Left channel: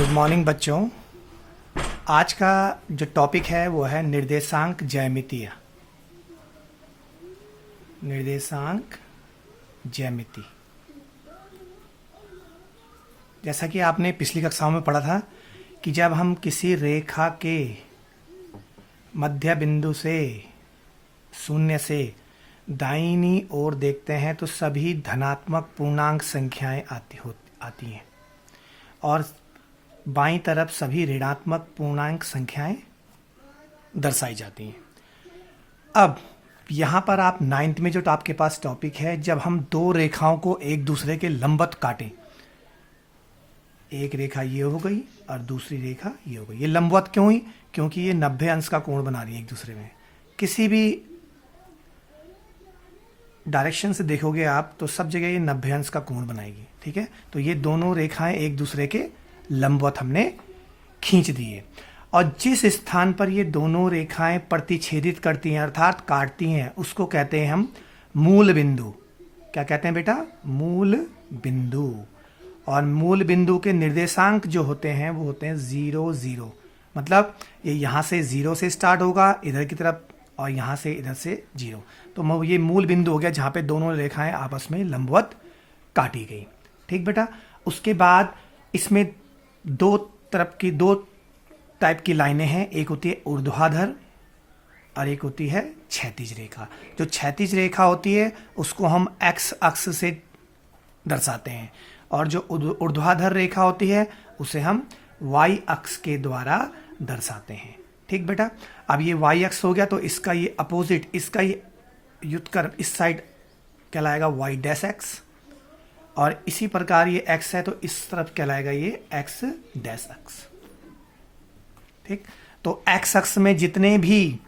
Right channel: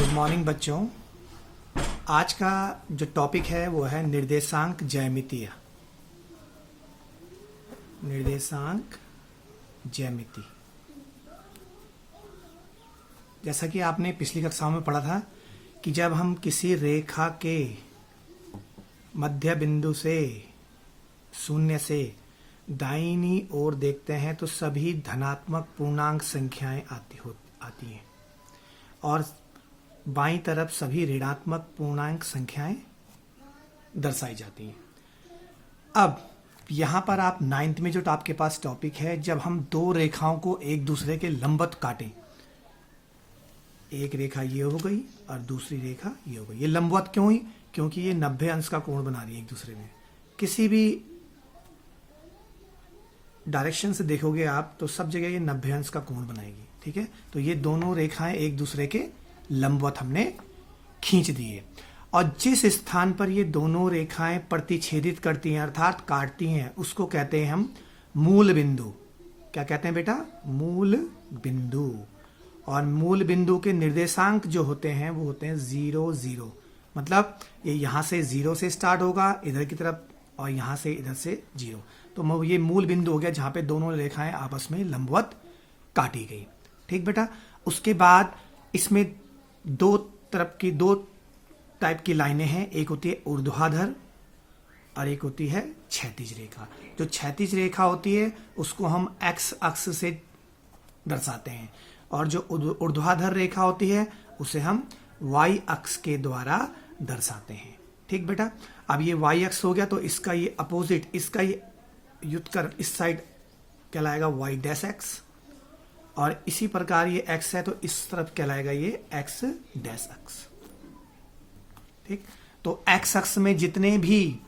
Good morning बच्चों। आज का जो टॉपिक है वो है निर्देशांक ज्यामितीय। निर्देशांक ज्यामिति। जैसा कि आपने पिछली कक्षाओं में पढ़ा था कि जब हम किसी रेखा के मध्य बिंदु से शून्य से दाहिनी ओर देखते हैं तो सभी धनात्मक पूर्णांक संख्याएं आती हैं और बाईं तरफ सभी ऋणात्मक पूर्णांक संख्याएं दर्शाई जाती हैं। अब यहां पर आप 9th में जो आपके पास टॉपिक है, जब हम दो रेखाओं को एक दूसरे के लंबवत काटें, एक रेखा ये हो गई और दूसरी रेखा ये हो गई। ये लंबवत क्यों हुई? क्योंकि ये 90 अंश का कोण बना रही है एक दूसरे में। किसी भी डायरेक्शन से देखोगे आप तो सब जगह ये 90 अंश का कोण बनाएगी। ठीक है, तो ये दोनों रेखाएं एक दूसरे के लंबवत हमने खींच दिए और जिस स्थान पर ये दोनों रेखाएं प्रतिच्छेदित करती हैं अर्थात काटती हैं उसको कहते हैं हम मूल बिंदु। क्या कहते हैं बेटा? मूल बिंदु। और मूल बिंदु के निर्देशांक जो होते हैं वो होते हैं 0 0। मतलब ये यहां से 0 से स्टार्ट होगा इधर की तरफ और यहां से इधर से 0। तो ये मूल बिंदु हो गया जहां पे दोनों रेखाएं आपस में लंबवत काटी गई। ठीक बेटा। उसके बाद इसमें दो टाइप की लाइनें हैं। एक होती है ऊर्ध्वाधर और एक होती है क्षैतिज रेखा। जो क्षैतिज रेखा होती है उसको हम एक्स अक्ष से दर्शाते हैं और जो ऊर्ध्वाधर रेखा होती है उसे हम वाई अक्ष के द्वारा दर्शाते हैं। ठीक बेटा। अब ये वाई अक्ष हो गया तो इसका ये अपोजिट, इसका ये युत्कर इस साइड कहलाएगा वाई डैश एक्स और इसी प्रकार ये x है तो इस तरफ कहलाएगा ये x डैश अक्ष। ठीक, तो x अक्ष में जितने भी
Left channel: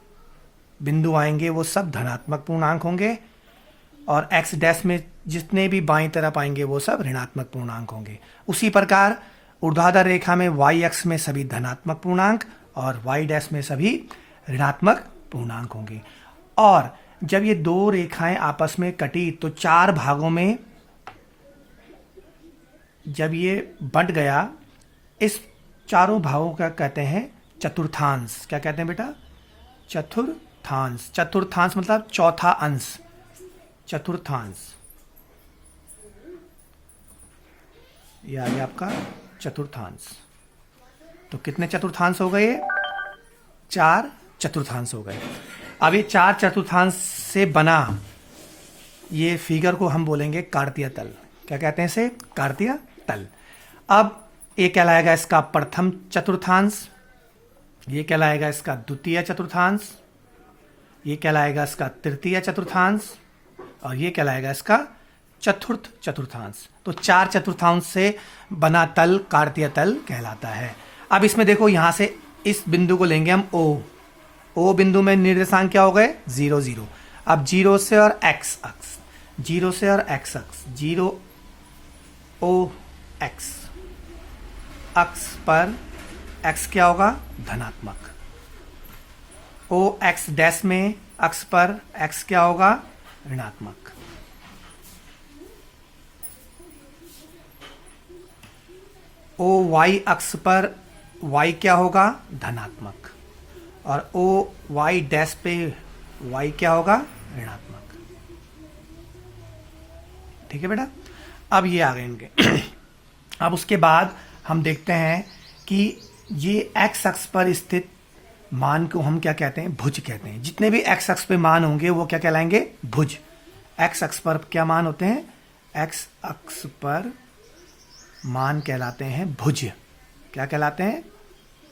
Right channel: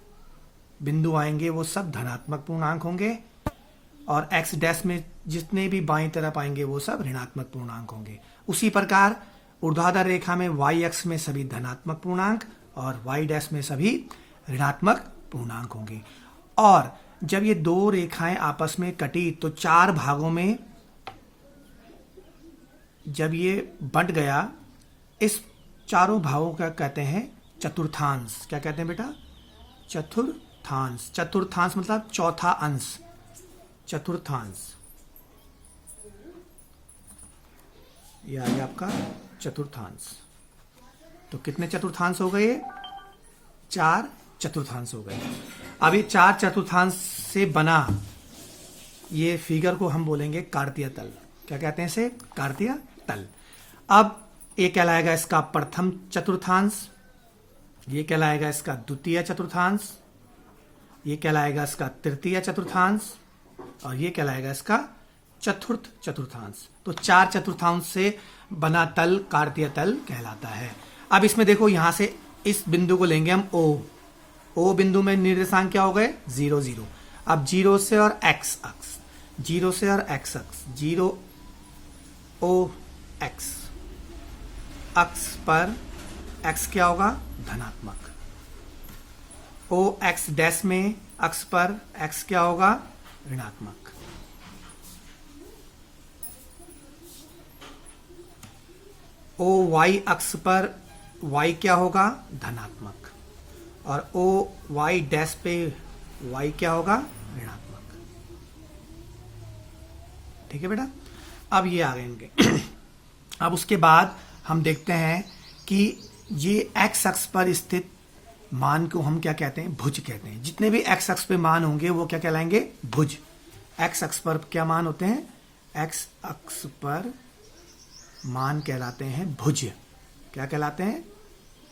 बिंदु आएंगे वो सब धनात्मक पूर्णांक होंगे और x डैश में जितने भी बाईं तरफ आएंगे वो सब ऋणात्मक पूर्णांक होंगे। उसी प्रकार ऊर्ध्वाधर रेखा में y अक्ष में सभी धनात्मक पूर्णांक और y डैश में सभी ऋणात्मक पूर्णांक होंगे। और जब ये दो रेखाएं आपस में कटी तो चार भागों में जब ये बंट गया, इस चारों भागों का कहते हैं चतुर्थांश। क्या कहते हैं बेटा? चतुर्थांश। चतुर्थांश मतलब चौथा अंश, चतुर्थांश। यह आ गया आपका चतुर्थांश। तो कितने चतुर्थांश हो गए? 4 चतुर्थांश हो गए। अब ये 4 चतुर्थांश से बना ये फिगर को हम बोलेंगे कार्तीय तल। क्या कहते हैं इसे? कार्तीय तल। अब ये कहलाएगा इसका प्रथम चतुर्थांश, ये कहलाएगा इसका द्वितीय चतुर्थांश, ये कहलाएगा इसका तृतीय चतुर्थांश और ये कहलाएगा इसका चतुर्थ चतुर्थांश। तो 4 चतुर्थांश से बना तल कार्तीय तल कहलाता है। अब इसमें देखो यहां से इस बिंदु को लेंगे हम ओ बिंदु में निर्देशांक क्या हो गए? 0 0। अब 0 से और x अक्ष, 0 से और x अक्ष, 0 ओ एक्स अक्ष पर x क्या होगा? धनात्मक। ओ एक्स डैश में अक्ष पर x क्या होगा? ऋणात्मक। ओ y अक्ष पर y क्या होगा? धनात्मक। और ओ y डैश पे y क्या होगा? ऋणात्मक। ठीक है बेटा। अब ये आ गए इनके। अब उसके बाद हम देखते हैं कि ये x अक्ष पर स्थित मान को हम क्या कहते हैं? भुज कहते हैं। जितने भी x अक्ष पे मान होंगे वो क्या कहलाएंगे? भुज। x अक्ष पर क्या मान होते हैं? x अक्ष पर मान कहलाते हैं भुज। क्या कहलाते हैं?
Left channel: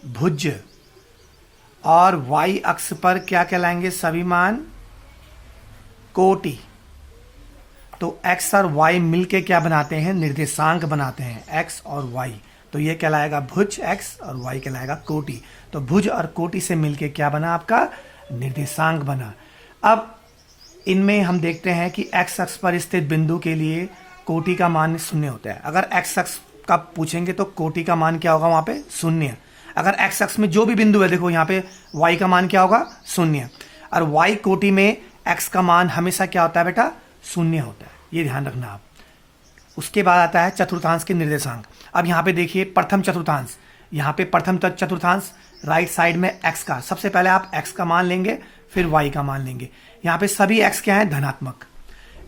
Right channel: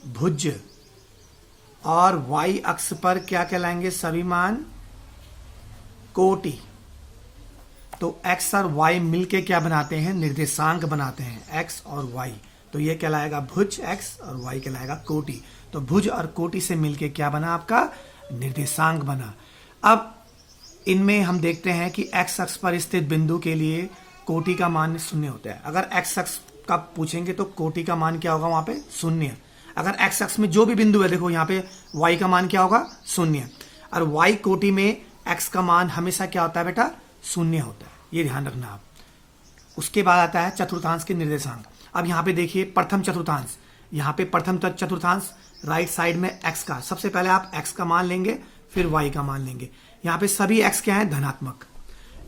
भुज। और y अक्ष पर क्या कहलाएंगे सभी मान? कोटि। तो x और y मिलके क्या बनाते हैं? निर्देशांक बनाते हैं, x और y। तो ये कहलाएगा भुज x और y कहलाएगा कोटि। तो भुज और कोटि से मिलके क्या बना? आपका निर्देशांक बना। अब इनमें हम देखते हैं कि x अक्ष पर स्थित बिंदु के लिए कोटि का मान 0 होता है। अगर x अक्ष का पूछेंगे तो कोटि का मान क्या होगा? वहां पे 0। अगर x अक्ष में जो भी बिंदु है, देखो यहाँ पे y का मान क्या होगा? 0। और y कोटि में x का मान हमेशा क्या होता है बेटा? 0 होता है। ये ध्यान रखना आप। उसके बाद आता है चतुर्थांश के निर्देशांक। अब यहाँ पे देखिए प्रथम चतुर्थांश, यहाँ पे प्रथम चतुर्थांश राइट साइड में x का, सबसे पहले आप x का मान लेंगे फिर y का मान लेंगे। यहाँ पे सभी x क्या है, धनात्मक,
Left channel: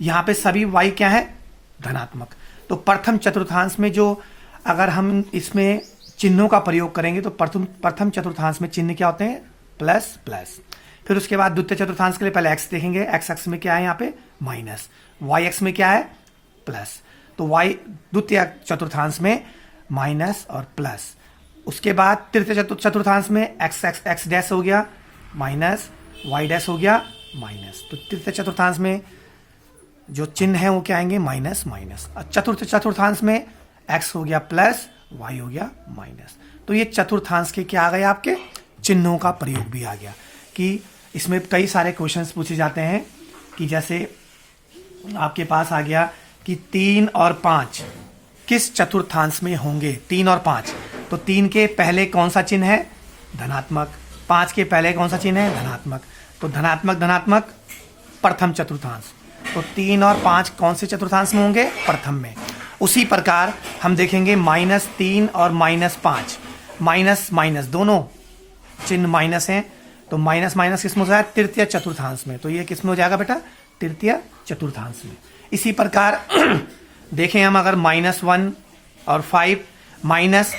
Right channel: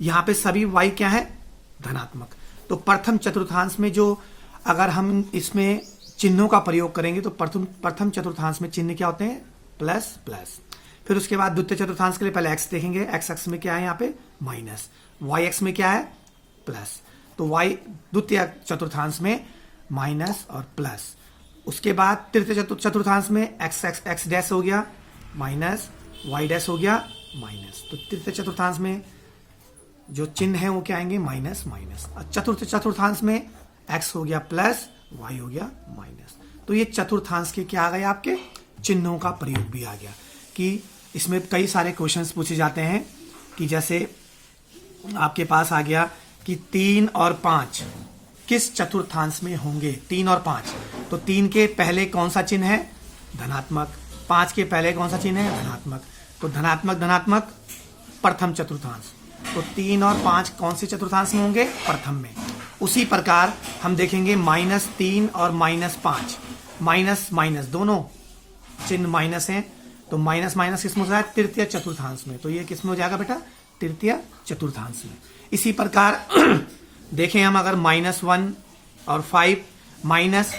यहाँ पे सभी y क्या है, धनात्मक। तो प्रथम चतुर्थांश में जो अगर हम इसमें चिन्हों का प्रयोग करेंगे तो प्रथम चतुर्थांश में चिन्ह क्या होते हैं, प्लस प्लस। फिर उसके बाद द्वितीय चतुर्थांश के लिए पहले x देखेंगे, x अक्ष में क्या है यहाँ पे माइनस, y अक्ष में क्या है प्लस। तो y द्वितीय चतुर्थांश में माइनस और प्लस। उसके बाद तृतीय चतुर्थांश में x डैश हो गया माइनस, y डैश हो गया माइनस। तो तृतीय चतुर्थांश में जो चिन्ह है वो क्या आएंगे, माइनस माइनस। चतुर्थ चतुर्थांश में x हो गया प्लस, y हो गया माइनस। तो ये चतुर्थांश के क्या आ गए, आपके चिन्हों का प्रयोग भी आ गया। कि इसमें कई सारे क्वेश्चंस पूछे जाते हैं कि जैसे आपके पास आ गया कि 3 और 5 किस चतुर्थांश में होंगे, 3 और 5। तो 3 के पहले कौन सा चिन्ह है, धनात्मक। 5 के पहले कौन सा चिन्ह है, धनात्मक। तो धनात्मक धनात्मक प्रथम चतुर्थांश। तो 3 और 5 कौन से चतुर्थांश में होंगे, प्रथम में। उसी प्रकार हम देखेंगे -3 और -5, माइनस माइनस दोनों चिन्ह माइनस हैं। तो माइनस माइनस किसमें हो जाएगा, तृतीय चतुर्थांश में। तो ये किसमें हो जाएगा बेटा, तृतीय चतुर्थांश में। इसी प्रकार देखें हम अगर -1 और 5 माइनस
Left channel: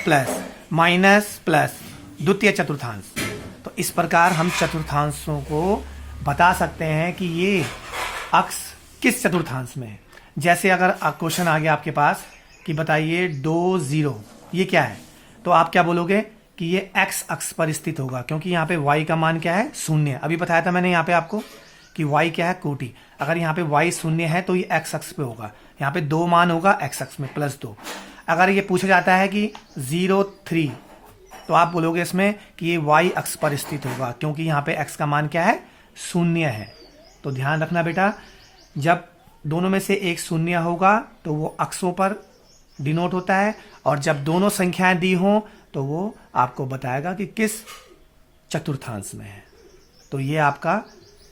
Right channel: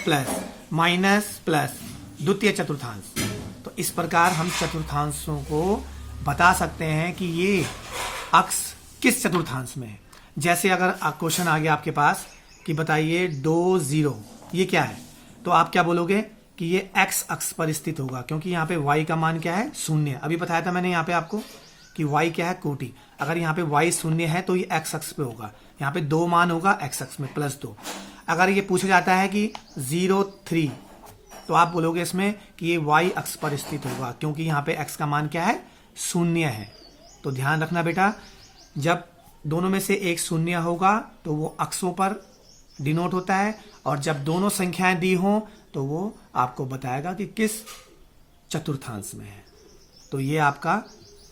प्लस द्वितीय चतुर्थांश। तो इस प्रकार हम चतुर्थांशों को बता सकते हैं कि ये अक्ष किस चतुर्थांश में है। जैसे अगर क्वेश्चन आ गया आपके पास कि बताइए 2 0, ये क्या है, तो आप क्या बोलोगे कि ये x अक्ष पर स्थित होगा, क्योंकि यहाँ पे y का मान क्या है, 0। अभी बताया था मैंने यहाँ पे आपको कि y क्या है, कोटि। अगर यहाँ पे y 0 है तो ये x अक्ष पे होगा। यहाँ पे 2 मान होगा x अक्ष में +2। अगर ये पूछा जाता है कि 0 3, तो आप बोलोगे इसमें कि ये y अक्ष पर स्थित होगा, क्योंकि यहाँ पे x का मान क्या है, 0 है। तो ध्यान रखना बेटा, जब दोनों में से एक 0 होगा तो वो अक्षों पर डिनोट होता है, और जब दोनों संख्याएं दी हों तो वो आपको बताएगा कि किस चतुर्थांश में है। तो ये आपका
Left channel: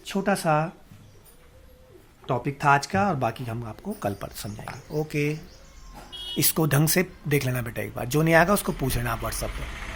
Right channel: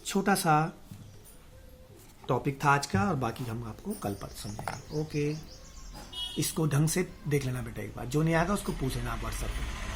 छोटा सा टॉपिक था आज का, और बाकी हम आपको कल पर समझाएंगे। ओके, इसको ढंग से देख लेना बेटा, एक बार जो नहीं आएगा उसको पूछ लेना आप व्हाट्सएप पर।